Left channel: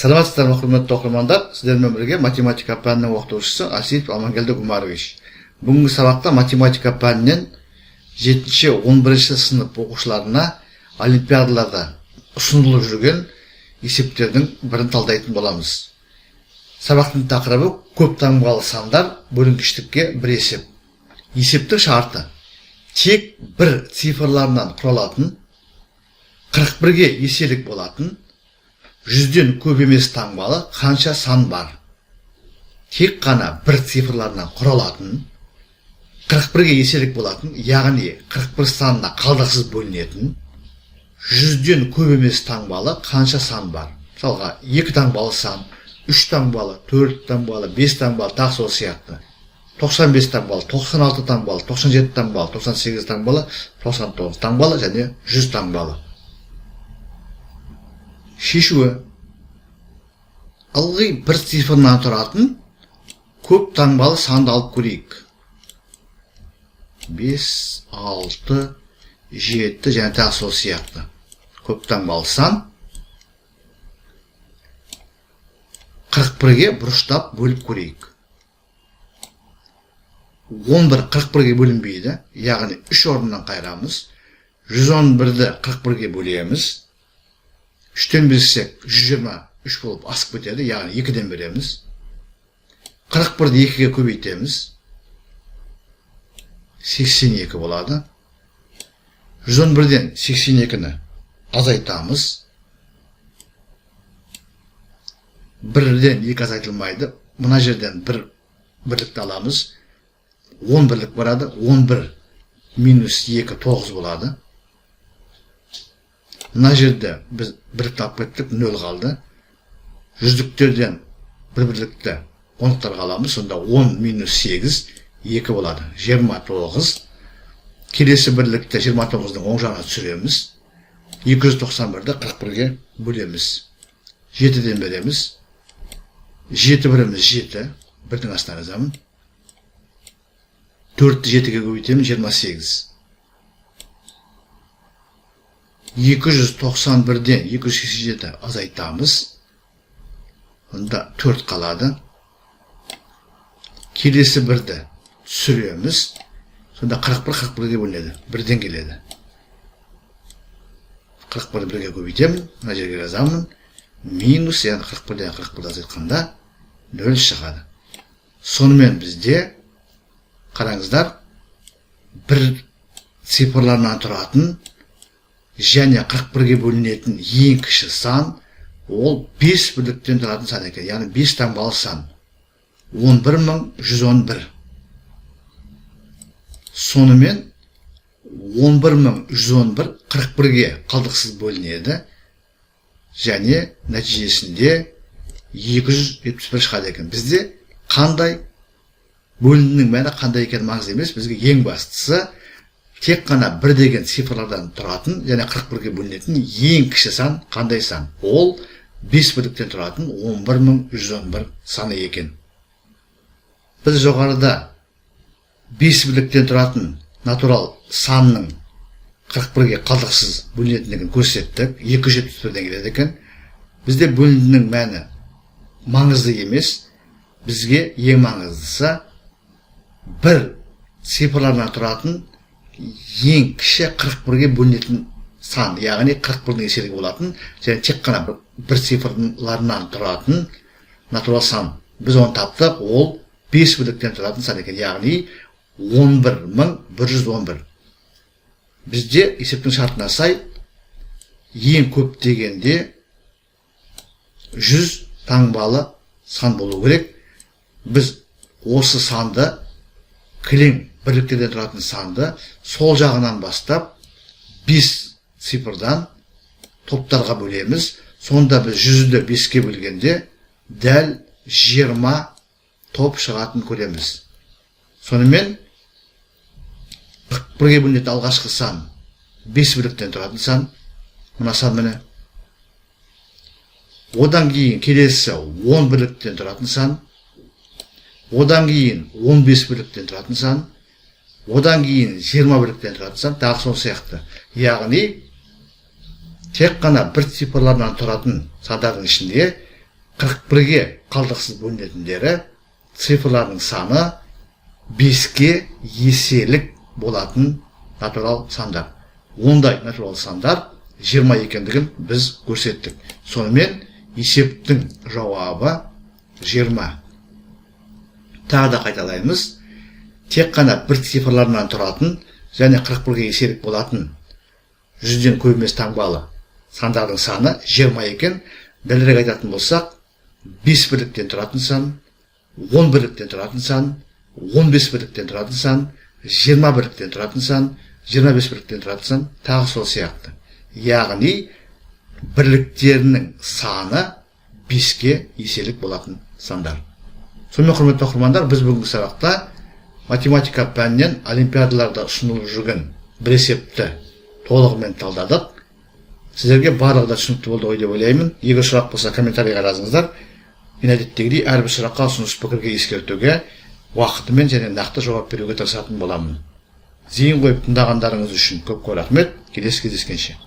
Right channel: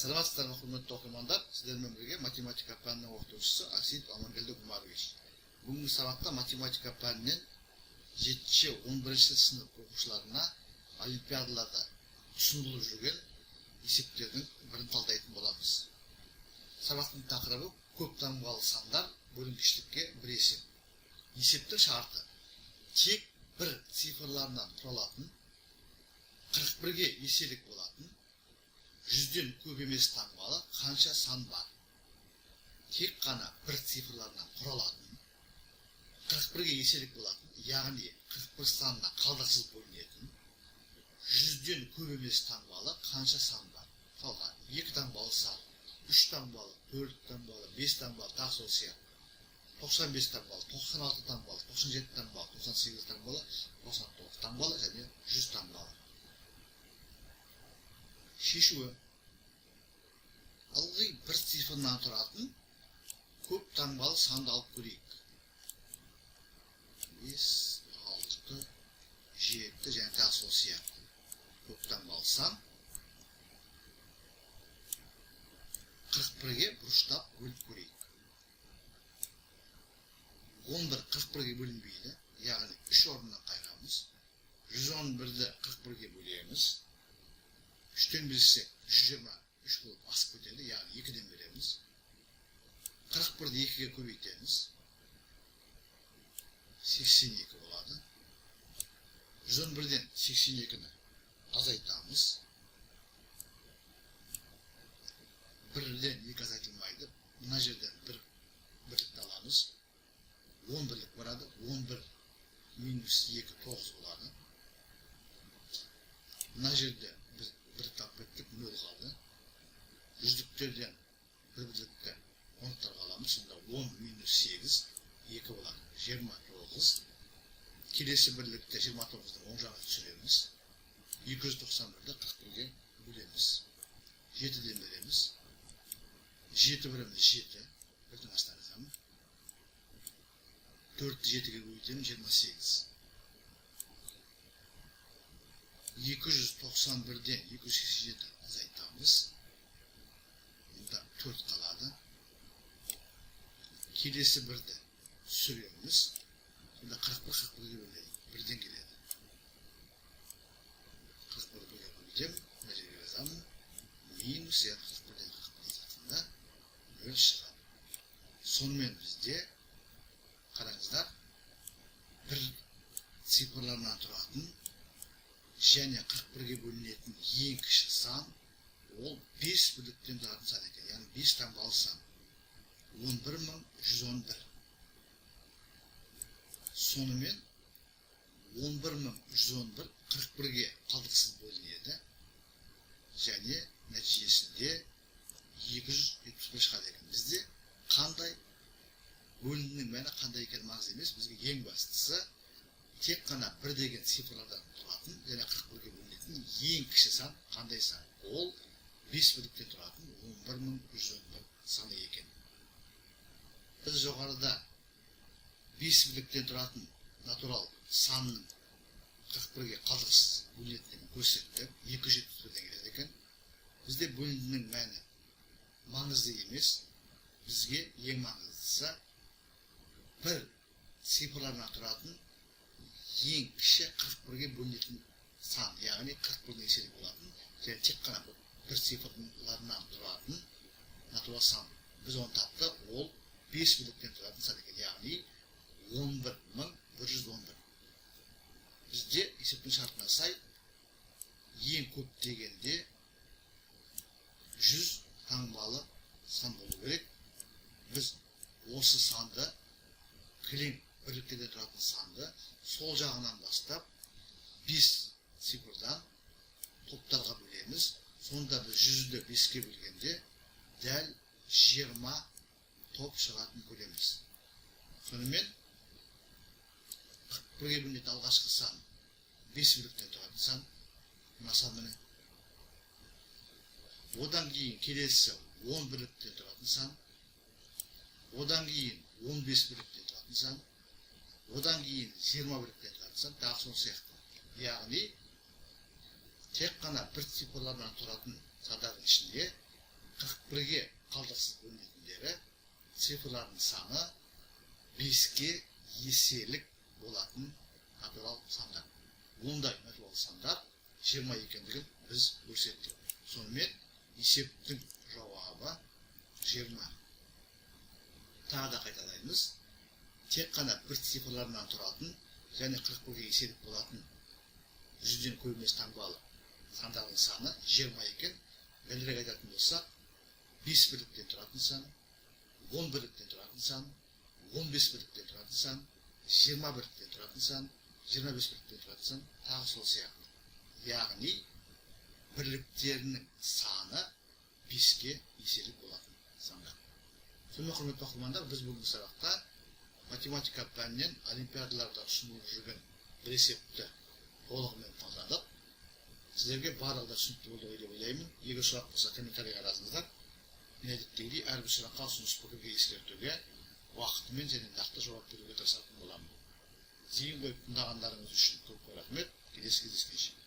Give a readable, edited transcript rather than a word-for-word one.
Саламатсыздар ма, құрметті оқырмандар, сіздермен бірге математика пәнінің оқытушысы Асиев Амангелді Гумарович. Бүгінгі сабақта математика пәнінен 7-11 сынып оқушыларына олимпиадаларда ұсынылып жүрген есептердің бірін талдайтын боламыз. Сабақтың тақырыбы көп таңбалы сандар бөлінгіштікке бір есеп. Есептің шарты тек бір цифрларынан құралатын, 41-ге еселік болатын, 100-ден көп емес таңбалы қанша сан бар. Тек қана бір цифрларынан құралатын, 41-ге еселік болатын, яғни 41 санына қалдықсыз бөлінетін, 100-ден көп емес таңбалы қанша сан бар. Мысалға 2 таңбалы сан, 3 таңбалы, 4 таңбалы, 5 таңбалы, тағы сол сияқты. 95 таңбалы, 96 таңбалы, 97 таңбалы, 98 таңбалы, 99 таңбалы және 100 таңбалы. Шешуі: ылғи бір цифрынан тұратын көп таңбалы санды алып көрейік. 5, 6, 7 және тағы сол сияқты. Көп таңбалы сан 41-ге бұрыштап бөліп көрейік. 11 41-ге бөлінбейді, яғни 3 орнынан қайырамыз. 111-ді 41-ге бөлеміз. 3-тен берсек 123 болып асып кетеді, яғни 2-ден береміз. 41-ді 2-ге көбейтеміз. 82 болады. 111-ден 82-ні азайтамыз. 1-ден 2 азайтылмайды. Мына жерден 1 бірлікті аламыз. 10 бірлік барады. 11 минус 2 9 болады. Мына жерде біз бірлікті алып кеттік, 0 қалды. Жүздіктерден бір бірлікті ондықтарға аламыз. Сонда 10 минус 8 2 болады. 29. Келесі бірлікті 29-дың оң жағына түсіреміз. 291-ді 41-ге бөлеміз. 7-ден береміз. 7 біріміз 7. Бірдің астына жазамын. 4-ті 7-ге көбейтемін. 28. 291-ден 287 азайтамыз. Онда 4 қалады. Келесі бірді түсіреміз. Сонда 41-ге бөлінеді. Бірден келеді. 41-ді 1-ге көбейтемін. Мына жерге жазамын. Минус, яғни 41-ден 41-ді азайтқанда 0 шығады. Сонымен бізде, қараңыздар, бір цифрларынан тұратын және 41-ге бөлінетін ең кіші сан, ол 5 бірліктен тұратын сан екен, яғни 5 таңбалы сан. 11111. Сонымен 11111 41-ге қалдықсыз бөлінеді және нәтижесінде 271 шығады екен. Бізде қандай бөлінінің мәні қандай екен маңызды емес, бізге ең бастысы тек қана бір деген цифрлардан тұратын және 41-ге бөлінетін ең кіші сан қандай сан? Ол 5 бірліктен тұратын 11111 саны екен. Біз жоғарыда 5 бірліктен тұратын натурал санның 41-ге қалдықсыз бөлінетіндігін көрсеттік. 271-ден келеді екен. Бізде бөлінінің мәні маңызды емес. Бізге ең маңыздысы бір цифрлардан тұратын ең кіші 41-ге бөлінетін сан, яғни 41-дің еселігі болатын және тек қана бір цифрларынан тұратын натурал сан. Біз оны таптық, ол 5 бірліктен тұратын сан екен, яғни 11111. Бізде есептің шартына сай ең көп дегенде 100 таңбалы сан болу керек. Біз осы санды, кілең бірліктерден тұратын санды сол жағынан бастап 5 цифрдан топтарға бөлеміз. Сонда біз 100-ді 5-ке бөлгенде дәл 20 топ шығатын көреміз. Сонымен 41-ге бөлінетін алғашқы сан 5 бірліктен тұратын сан. Мына сан міне. Одан кейін келесі 10 бірліктен тұратын сан. Одан кейін 15 бірліктен тұратын сан. Одан кейін 20 бірліктен тұратын сан. Тағы сол сияқты. Яғни тек қана бір цифрлардан тұратын сандардың ішінде 41-ге қалдықсыз бөлінетіндері цифрлардың саны 5-ке еселік болатын натурал сандар. Ондай натурал сандар 20 екендігін біз көрсеттік. Сонымен есептің жауабы 20. Тағы да қайталаймыз. Тек қана бір цифрларынан тұратын және 41-ге еселік болатын 100-ден көп емес таңбалы сандардың саны 20 екен. Дәлірек айтатын болсақ, 5 бірліктен тұратын сан, 10 бірліктен тұратын сан, 15 бірліктен тұратын сан, 20 бірліктен тұратын сан, 25 бірліктен тұратын сан, тағы сол сияқты. Яғни бірліктерінің саны 5-ке еселік болатын сандар. Сонымен құрметті оқырмандар, біз бүгінгі сабақта математика пәнінен олимпиадаларда ұсынылып жүрген бір есепті толығымен талдадық. Сіздерге барлығы да түсінікті болды ғой деп ойлаймын. Егер сұрақ болса комментарийға жазыңыздар. Мен әдеттегідей әрбір сұраққа ұсыныс пікірге ескертуге, уақытымен және нақты жауап беруге тырысатын боламын. Зейін қойып тыңдағандарыңыз үшін көп рахмет. Келесі кездескенше.